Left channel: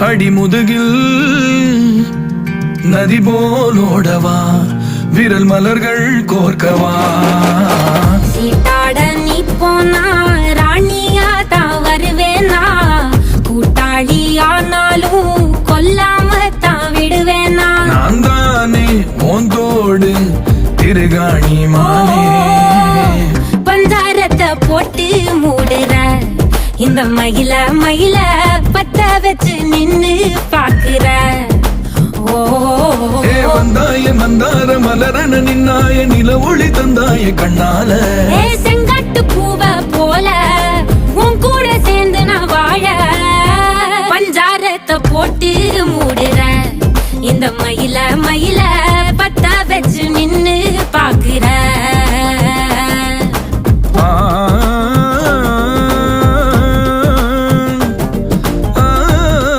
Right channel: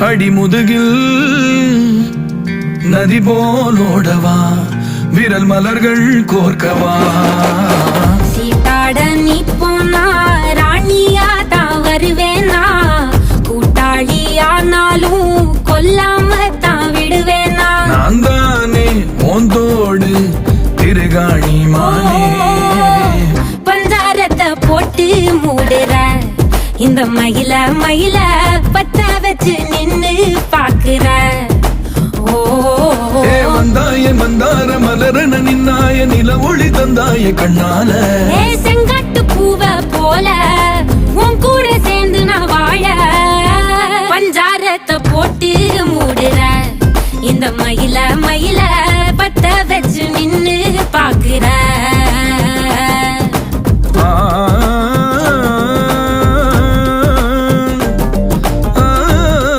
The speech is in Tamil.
அடிமுதுகில் நதி போலோடவா விரல் மலர்கள் கோர்க்கவா சீட்டாட நீ போனா ராணியா தான் வருவேனா கூட்டாளி ஆனாலும் கொல்லாம தான் விடுவேனா நான் தானே ஓந்தோடு திருகாணி மானே பஞ்சாரத்தை போட்டு மூடுற இந்த மயில மயில பத்த வச்சு நின்னு பாக்குற ஏ வந்தாய மந்தார மலரன நின்னாய நில ஒளி தந்தாய கண்ணால ஏ செங்கட்டு பூவ போல உன் கூட சேர்ந்து நான் வாழ பஞ்சாரத்தை போட்டு மூடுற இந்த மயில